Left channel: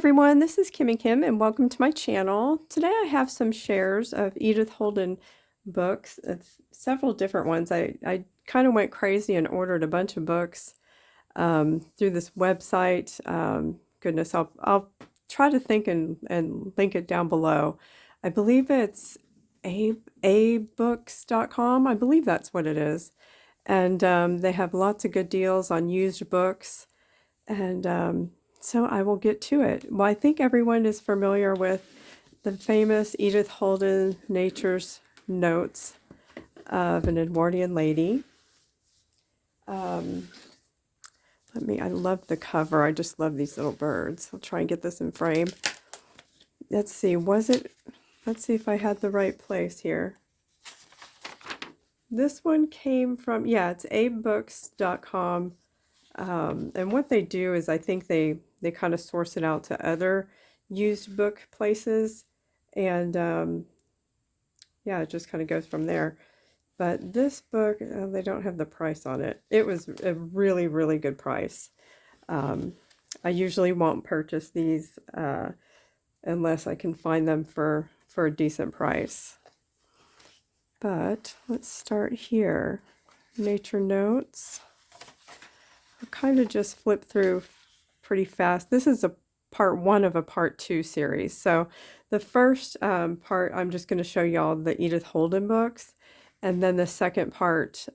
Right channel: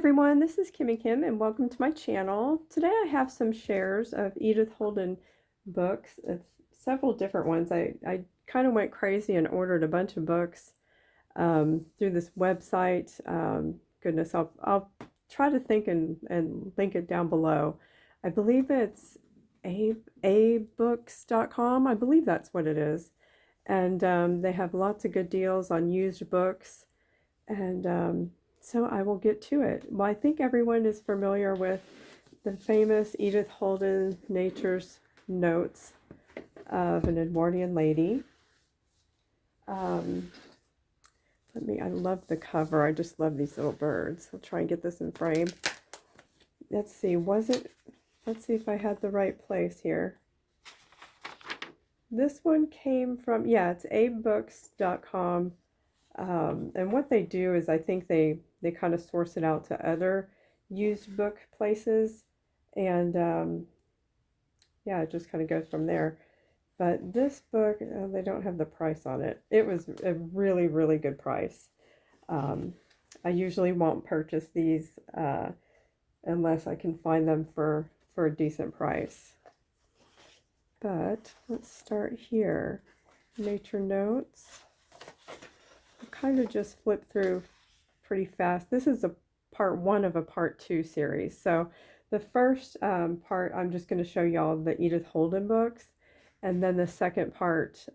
everyone, this is Kim and Kim, and welcome to my channel. Today I have some shares of Edith Holden books, of several different ones. I kind of went crazy and ordered a bunch of books through this website. Goodness, I'll try to think and link it down below. I believe it's abooks.com. I believe that's what it is. And they have lots of good deals on used books. And so I will get to it. Well, I think everyone is familiar with the famous Edith Holden Nature's Notes of an Edwardian Lady. I love the cover. I just love these little birds. I'll try and get this in frame. Let's see, let's see if I had the right place here. This one came from, yeah, it's abooks.com. And what they do is I think they kind of source it out to other used book places. And yeah, it just kind of goes from there. But this book, they don't have the price on it. It was a really, really good price. I usually won't purchase these unless I can find them for a decent price. But let's start here. Nature Notes. I'll kind of just flip through pretty fast. This is a part one of a part two series. So the first part, I'm just going to show y'all the Edith Holden books. And then the second part,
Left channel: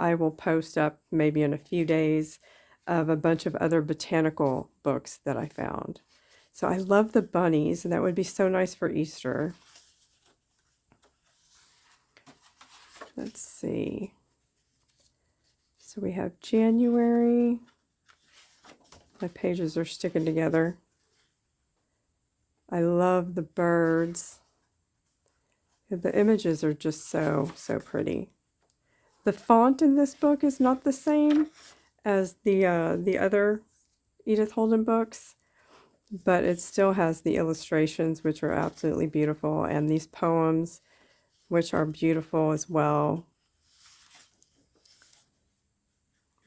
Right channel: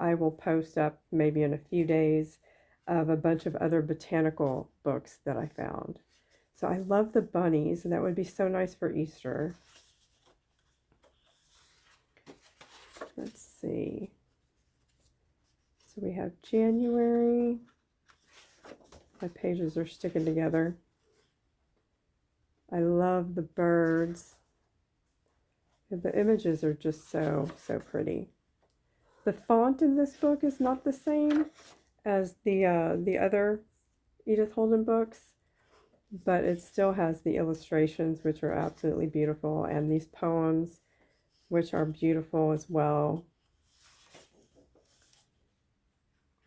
I will post up maybe in a few days of a bunch of other botanical books that I found. So I love the bunnies, and that would be so nice for Easter. Let's see. So we have January. My pages are sticking together. I love the birds. The images are just so pretty. The font in this book is not the same as the other Edith Holden books, but it still has the illustrations, which are absolutely beautiful, and these poems, which are beautiful as well.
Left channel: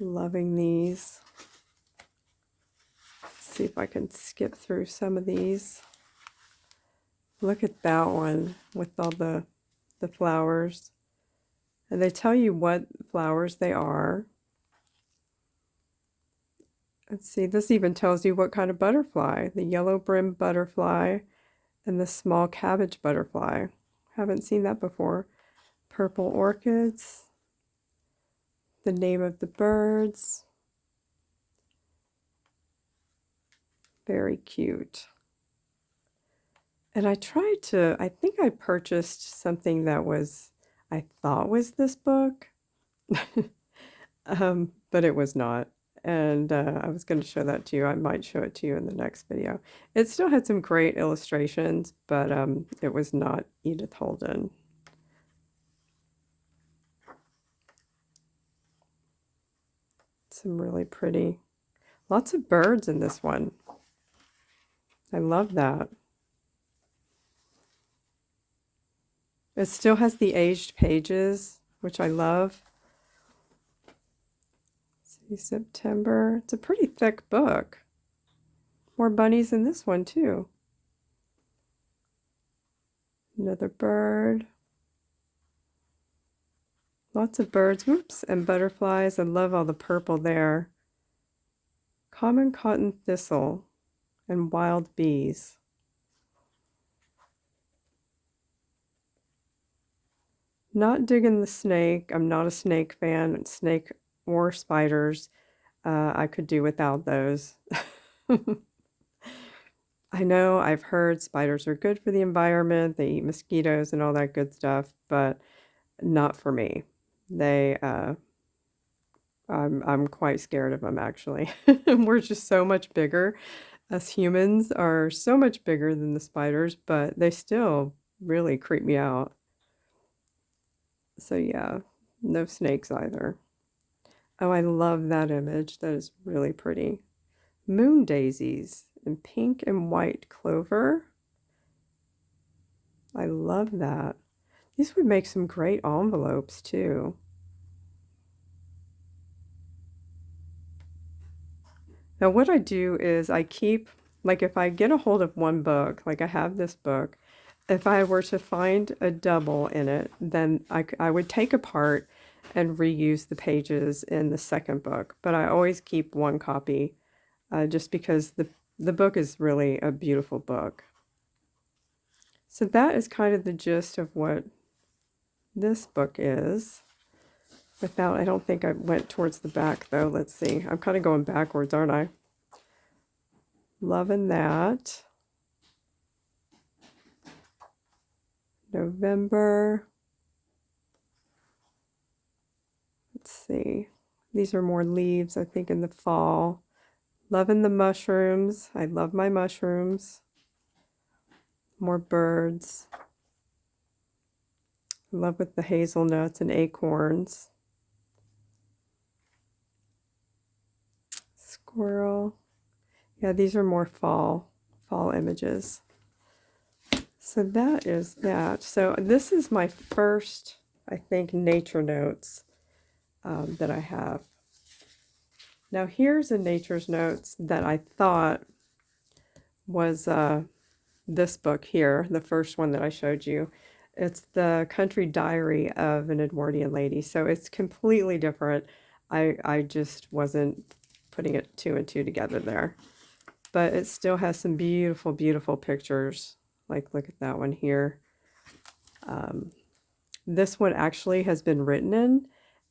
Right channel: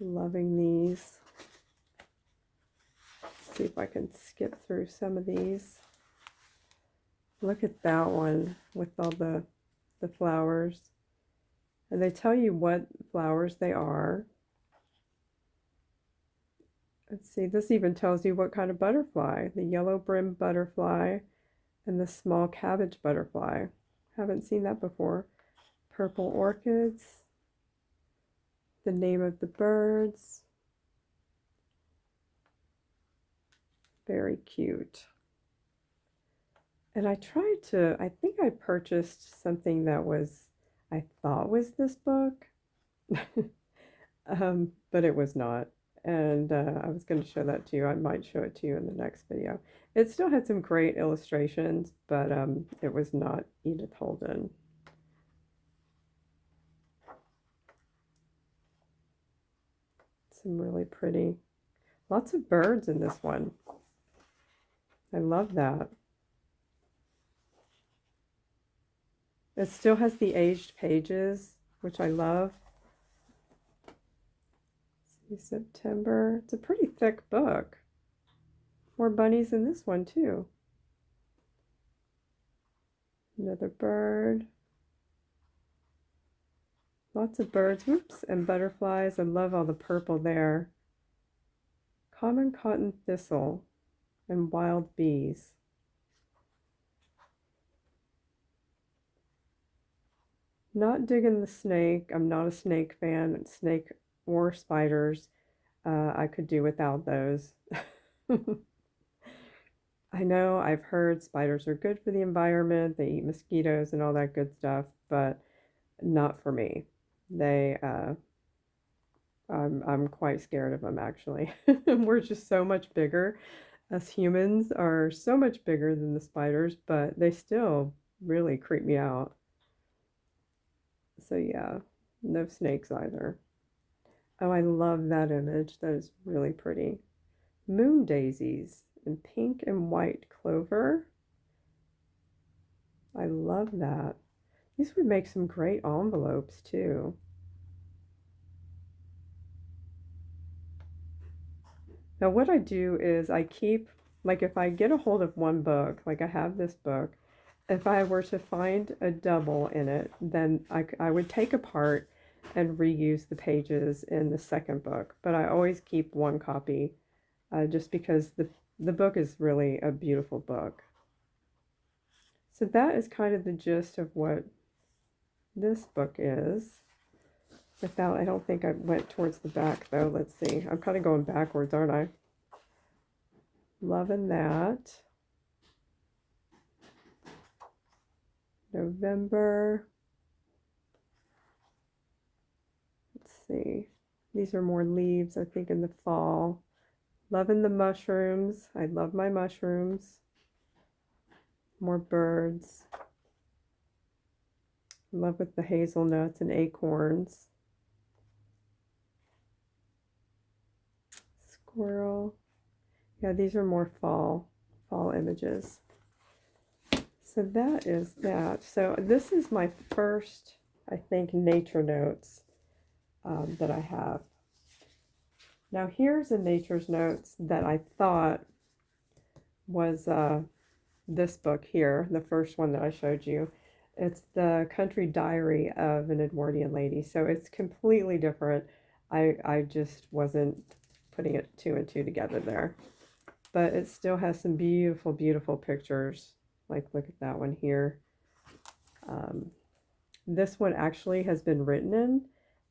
Loving these. Let's see if I can skip through some of these. Look at that one with all the flowers. And they tell you what flowers they are. Let's see, this even tells you what kind of butterfly. The yellow-brimmed butterfly and the small cabbage butterfly. Haven't seen that before. Purple orchids. The name of the birds. Very cute. And I think I purchased something that I thought was this book, but it was not. And I was going to show that to you. I might show it to you in the next video. It still had some great illustrations, but it was not Edith Holden. Some really pretty, lots of birds in this one. I love that. It still has the aged pages, which I love. Let's see, September. It's a pretty thick book. More bunnies in this one too. Another bird. Lots of birds, whoops, and butterflies. I love all the purple there. Common cotton thistle and wild bees. Not digging the snake. I'm not a snake fan. Snake or spiders. I could do without those. I know I've heard spiders are good for the environment. They eat mosquitoes and all that good stuff, but not for me. I'm quite scared of them, actually. We're just so much bigger. Us humans are so much bigger than the spiders, but they still really creep me out. So yeah, no snakes either. Oh, I love that image. That is really pretty. Moon daisies in pink and white clover. I love that. These would make some great envelopes too. Now what I do is I keep like if I get a hold of one book, like I have this book, if I were to find a double in it, then I would take apart and reuse the pages in the second book. But I always keep one copy, just because the book is really a beautiful book. So that is kind of the gist of what this book is. Without, I don't think I went towards the back though. Let's see. I'm kind of going backwards, aren't I? Loving that. November. Let's see. These are more leaves, I think, in the fall. Loving the mushrooms. I love my mushrooms. More birds. Love with the hazelnuts and acorns. Squirrel. Yeah, these are more fall images. So that is that. So this is my first, I think, nature notes that I have. Now here's a nature's notes that I thought was this book here, the first one that I showed you. It's the Country Diary of an Edwardian Lady. So it's completely different. I just wasn't putting it two and two together there. But it still has some beautiful, beautiful pictures. Like, look at that one here. This one actually has been written in,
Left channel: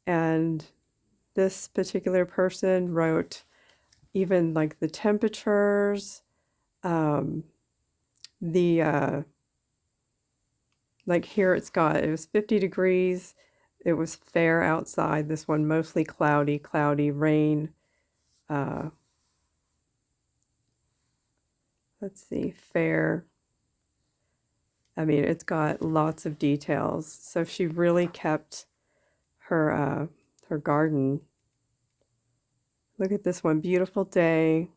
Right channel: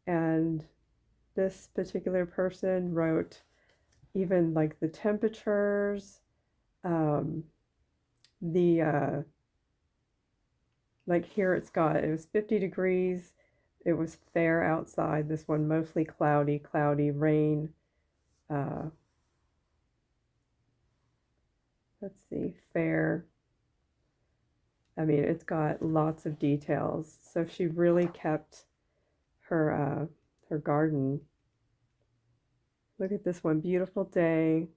and this particular person wrote even like the temperatures, like here it was 50 degrees. It was fair outside. This one mostly cloudy, rain. Let's see, fair. I mean, it's got lots of details. So she really kept her garden. Look at this one, beautiful day,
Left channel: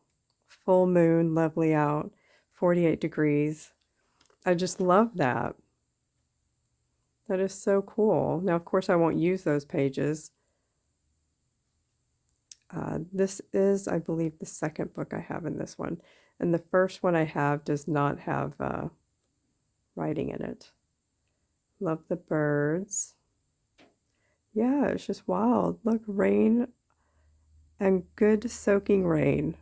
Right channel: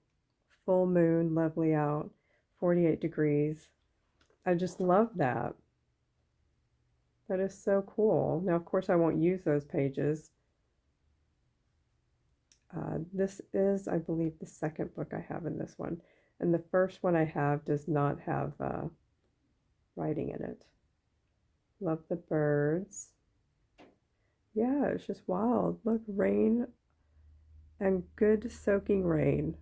full moon, lovely out, 48 degrees. I just love that. That is so cool. Now, of course, I won't use those pages. This is, I believe, the second book I have in this one. And the first one I have does not have writing in it. Love the birds. Yeah, it's just wild. Look, rain and good soaking rain.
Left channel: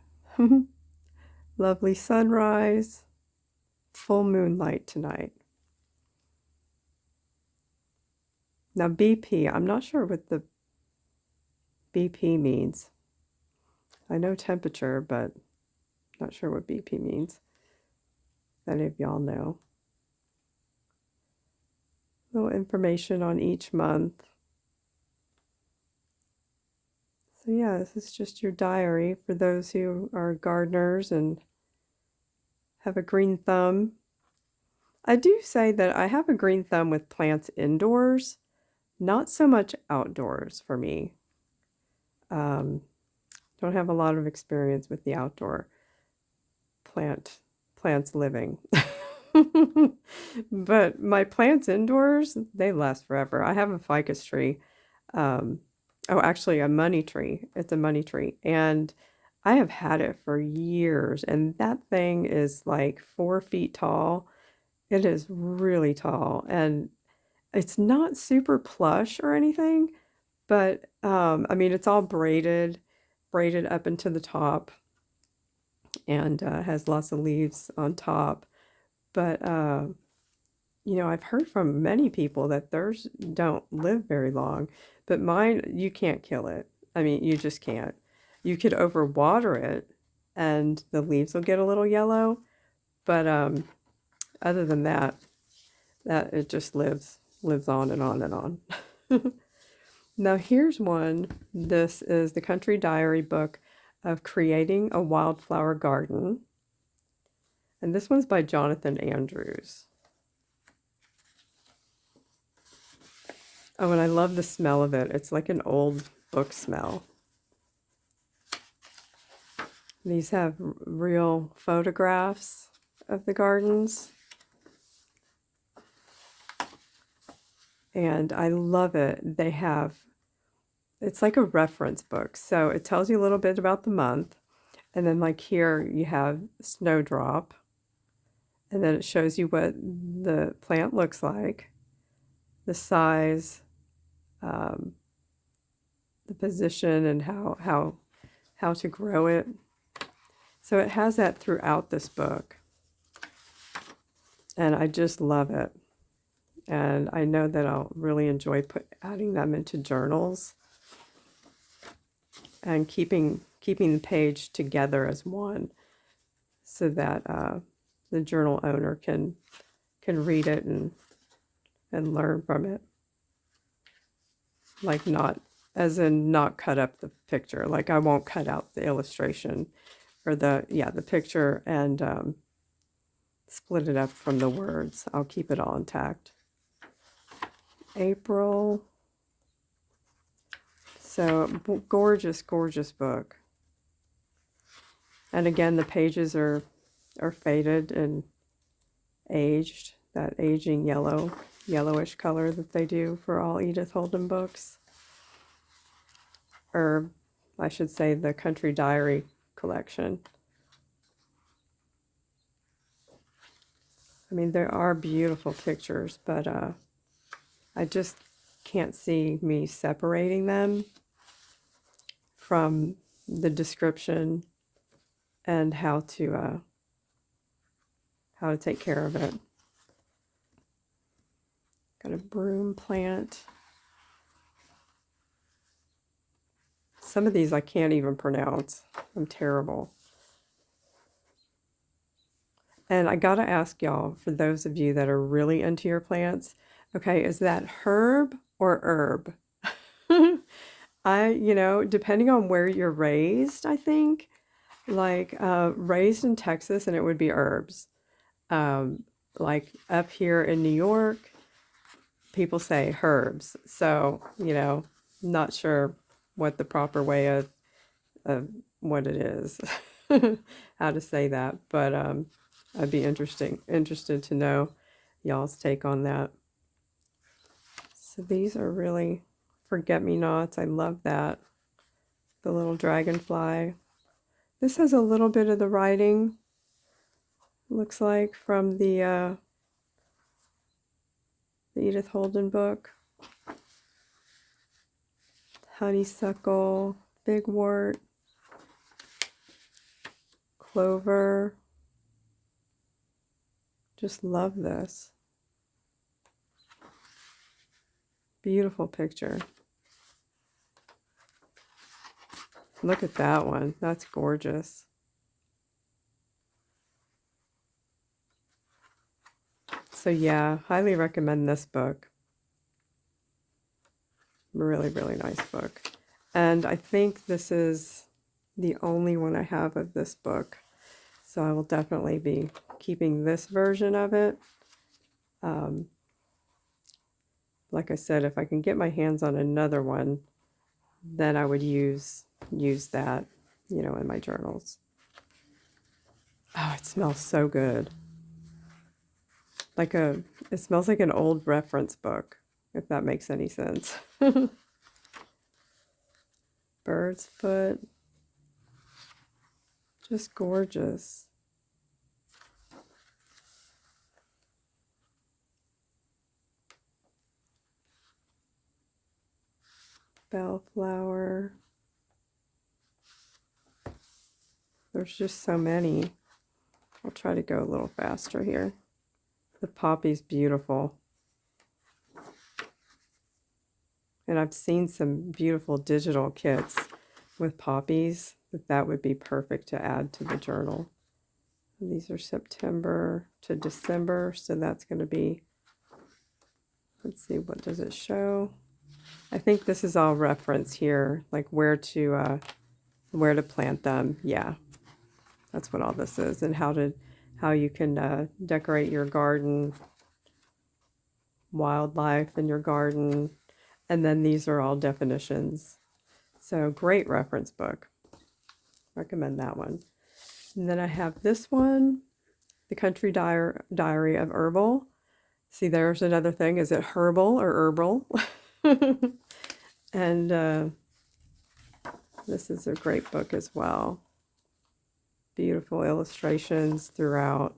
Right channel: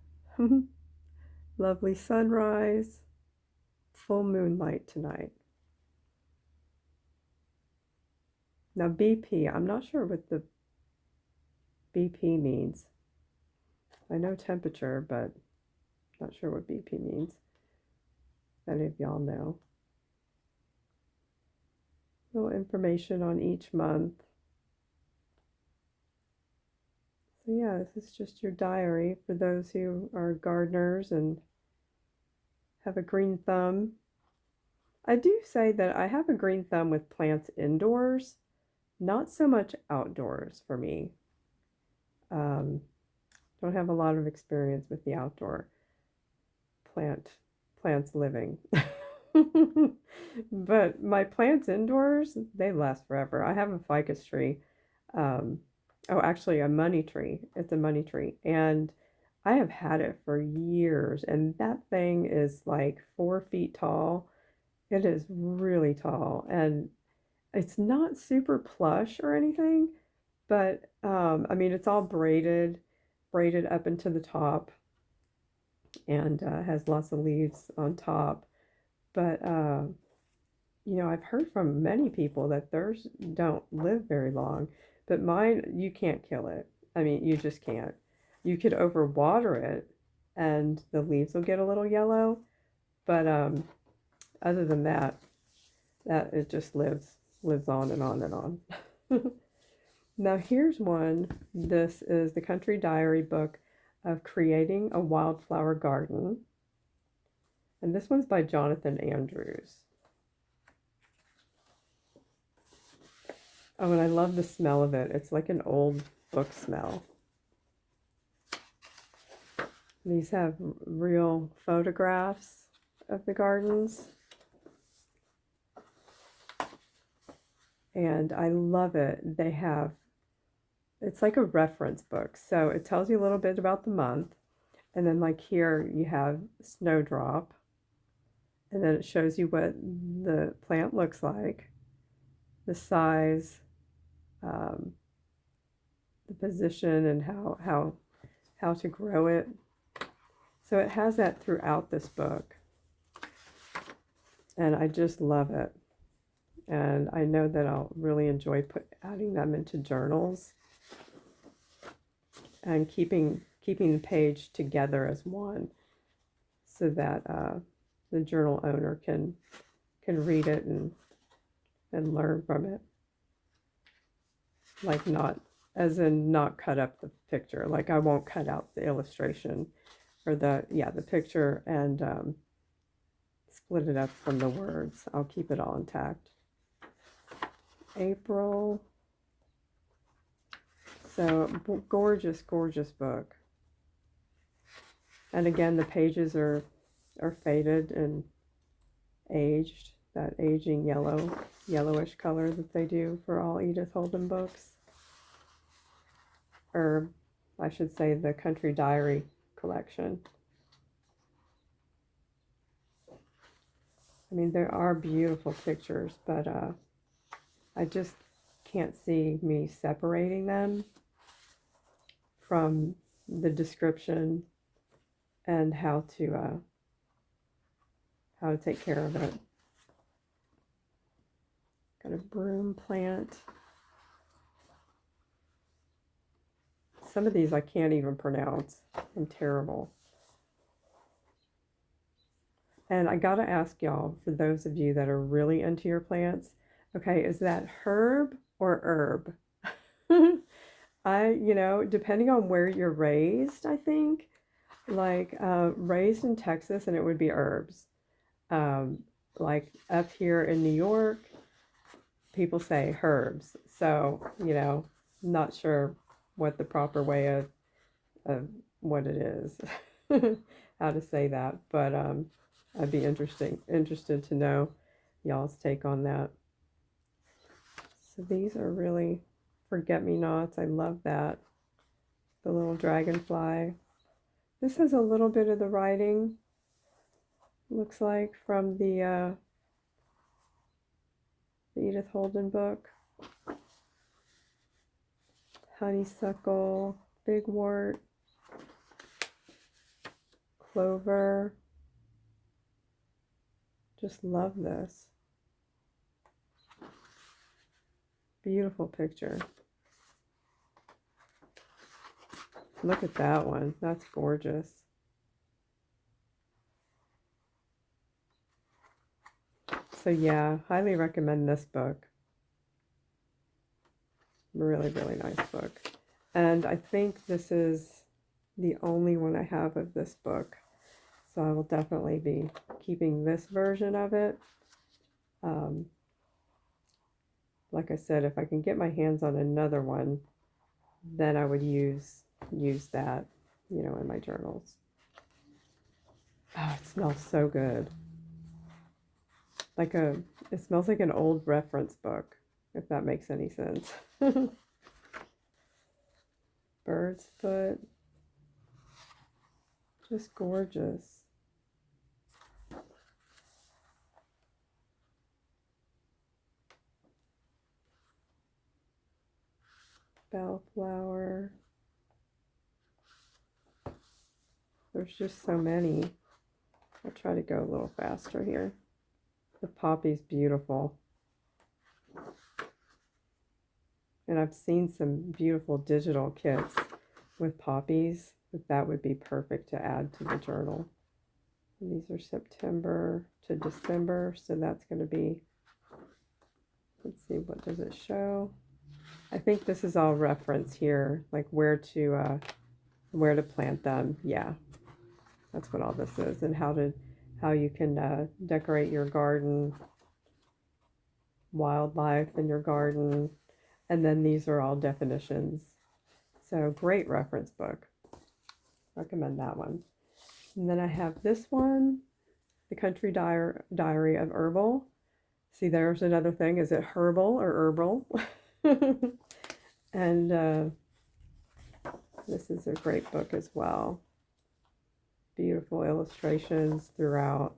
Lovely sunrise. Full moonlight tonight. Now BP, I'm not sure what the BP means. I know temperature, but not sure what BP means. If any of y'all know. Little information on each month. So yeah, this is just your diary for those who are gardeners and have a green thumb. I do say that I have a green thumb with plants indoors, not so much outdoors for me. Don't have a lot of experience with the outdoor plants living. But my plants indoors, they last forever. I have a ficus tree. Oh, actually a money tree. It's a money tree. And I have had it for years, and that thing is like 4 feet tall. It is really tall, and it's not super plush or anything, but I mean, it's all braided up into the top, and has lots of leaves on top. But you know, I've heard from many people that theirs don't live very long, but mine, you can't kill it. I mean, you just can't. You could overwater it, and the leaves will get a little yellow, but other than that, it just lives on and on and on. Now here's one. This is the Country Diary book of creating a wildflower garden. And this one's by Jonathan Andrews. Oh, and I love the smell of it. It's like an old book smell. These have real photographs of the gardens. And I love it. It's like a reference book. So it tells you a little bit about the month. And then like here you have snowdrop, and then it shows you what the plant looks like, the size, um, the position, and how to grow it. So it has that throughout this book, and I just love it. And I know that I'll really enjoy adding them into journals and keeping the page together as one, so that the journal owner can read it and learn from it. Like, not as in not cut up the picture. Like, I won't cut out the illustration or the picture and split it up from the words. I'll keep it all intact. April. So gorgeous, gorgeous book. And again, the pages are faded and aged, that aging yellowish color that they do for all Edith Holden books. Or I should say the Country Diary collection. I mean, there are beautiful pictures, but I just can't see me separating them from the description and how to take care of it. Got a broom plant. Some of these I can't even pronounce. I'm terrible. And I gotta ask y'all, for those of you that are really into your plants, okay, is that herb or herb? Depending on where you're raised, I think, like raised in Texas, and it would be herbs. Like up here in New York, people say herbs. So, not sure what the proper way of what it is, how to say that, but I'd be interested to know y'all's take on that. So these are really forget-me-nots. I love that. The little dragonfly. This has a little bit of the writing, looks like, from the Edith Holden book. Honeysuckle, bigwort, clover. Just love this. Beautiful picture. Look at that one. That's gorgeous. So yeah, highly recommend this book. Really, really nice book. And I think this is the only one I have of this book. So I will definitely be keeping this version of it. Like I said, if I can get my hands on another one, then I would use that, in my journals. Oh, it smells so good. It smells like an old reference book, if that makes any sense. Bird's foot. Just gorgeous. Bellflower. There's just so many. I'll try to go a little faster here. The poppy's beautiful. And I've seen some beautiful digital kits with poppies, but that would be perfect to add to the journal. And these are September to December, so that's going to be, let's see, what does it show? I think this is all reference here, like where to plant them. Yeah, that's what all this is, and how you can decorate your garden, wildlife in your garden, and then these are all definitions. So great reference book. Recommend that one. And then I have this one, The Country Diary of Herbal. See, there's another thing. Is it Herbal or Herbal? And this is a great book as well. Beautiful illustrations throughout.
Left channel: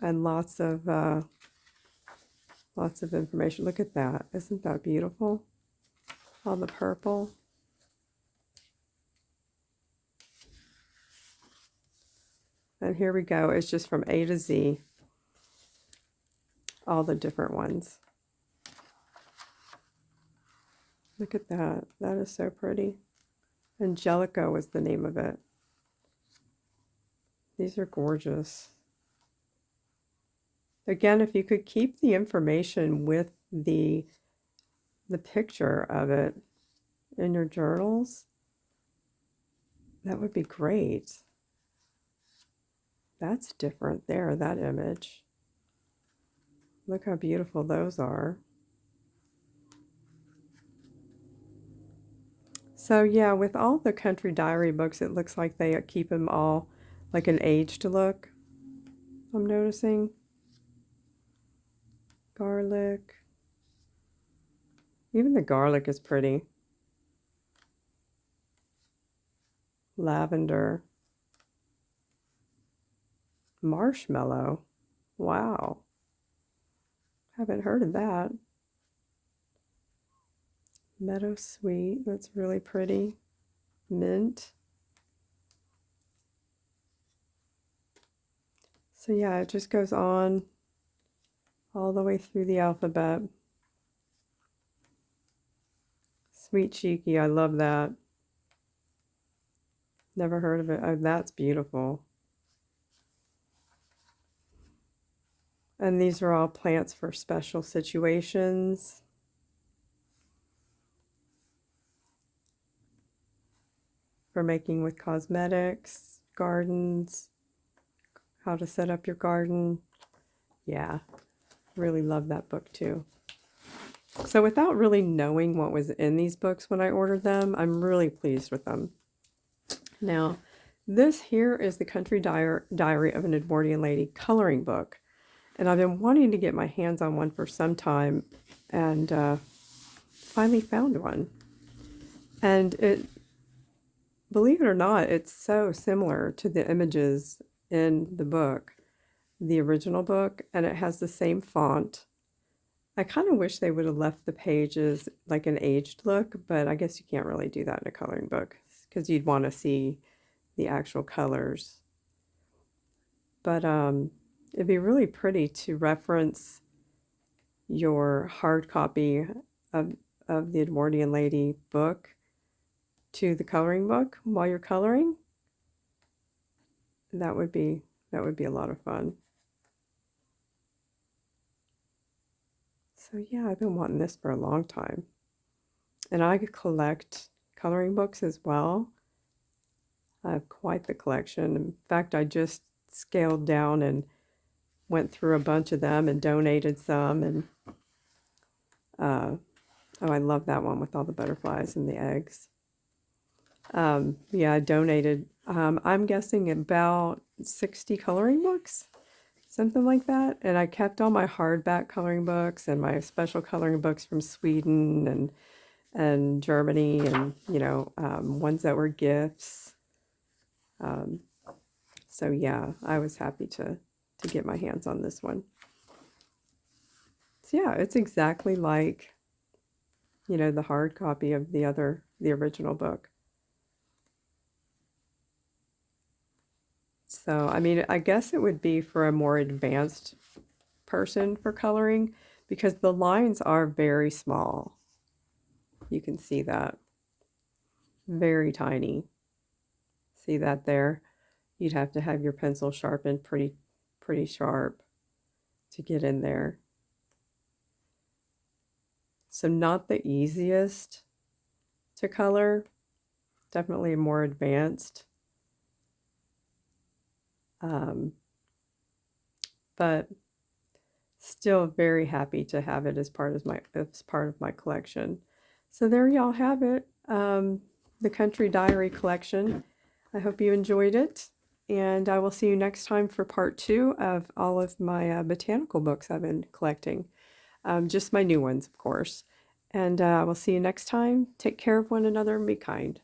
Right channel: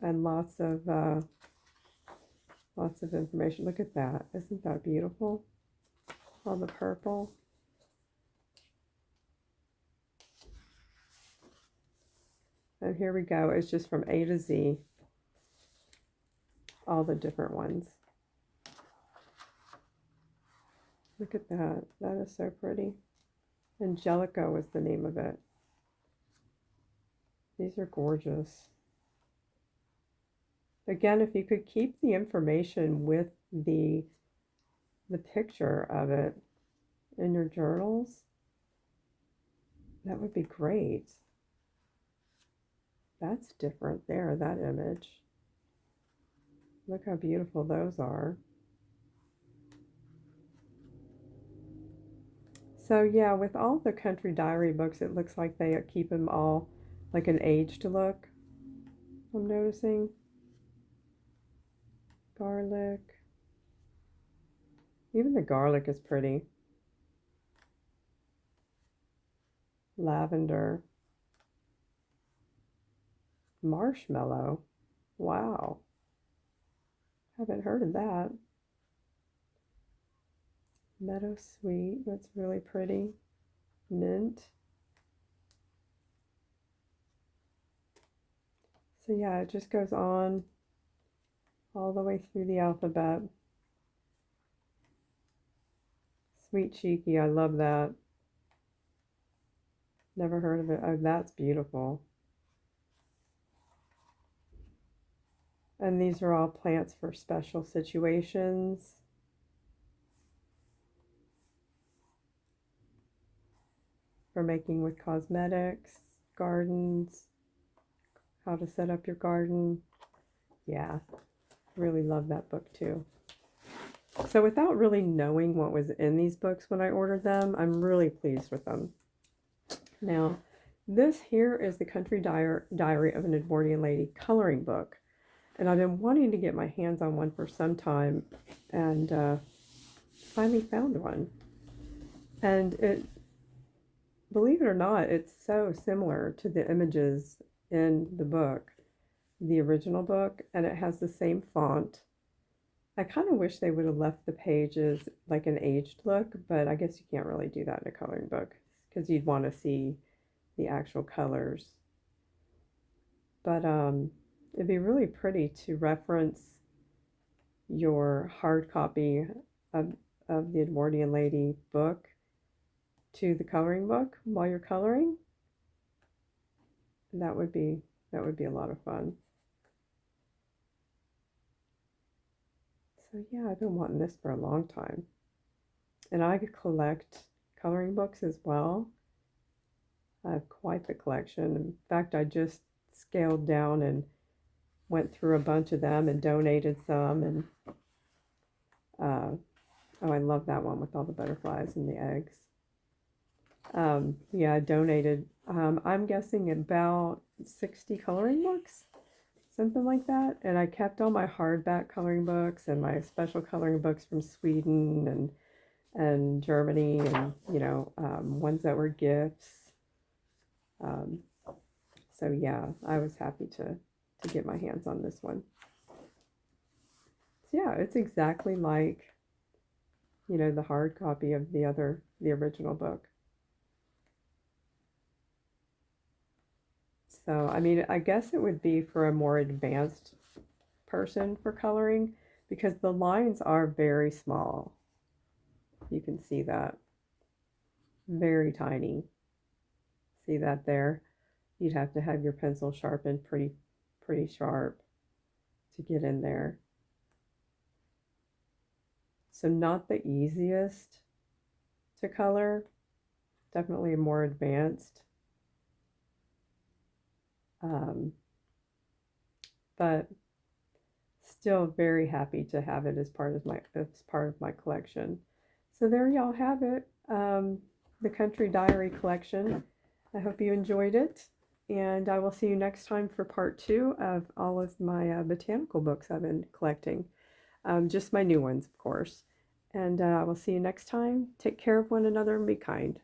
And lots of information. Look at that. Isn't that beautiful? All the purple. And here we go. It's just from A to Z. All the different ones. Look at that. That is so pretty. Angelica was the name of it. These are gorgeous. Again, if you could keep the information with the picture of it in your journals, that would be great. That's different there, that image. Look how beautiful those are. So yeah, with all the country diary books, it looks like they keep them all like an aged look. I'm noticing. Garlic. Even the garlic is pretty. Lavender. Marshmallow. Wow. Haven't heard of that. Meadow sweet. That's really pretty. Mint. So yeah, it just goes on all the way through the alphabet. Sweet Cheeky. I love that. Never heard of it. Oh, that's beautiful. And these are all plants for special situations. For making with cosmetics, gardens, how to set up your garden. Yeah, really love that book too. So without really knowing what was in these books when I ordered them, I'm really pleased with them. Now, this here is the Country Diary of an Edwardian Lady coloring book. And I've been wanting to get my hands on one for some time, and finally found one. And it, believe it or not, it's so similar to the images in the book, the original book, and it has the same font. I kind of wish they would have left the pages like an aged look, but I guess you can't really do that in a coloring book because you'd want to see the actual colors. But it'd be really pretty to reference your hard copy of the Edwardian Lady book to the coloring book while you're coloring. That would be a lot of fun. So yeah, I've been wanting this for a long time. And I collect coloring books as well. I have quite the collection. In fact, I just scaled down and went through a bunch of them and donated some. And oh, I love that one with all the butterflies and the eggs. Yeah, I donated, I'm guessing about 60 coloring books, something like that. And I kept all my hardback coloring books and my special coloring books from Sweden and Germany, and ones that were gifts. So yeah, I was happy to get my hands on this one. So yeah, it's exactly like the hard copy of the original book. So I mean, I guess it would be for a more advanced person for coloring, because the lines are very small. You can see that. Very tiny. See that there? You'd have to have your pencil sharpened pretty sharp to get in there. So not the easiest to color, definitely more advanced. But still very happy to have it as part of my collection. So there y'all have it, the Country Diary collection. I hope you enjoyed it, and I will see you next time for part 2 of all of my botanical books I've been collecting. Just my new ones, of course. And we'll see you next time. Take care of one another and be kind.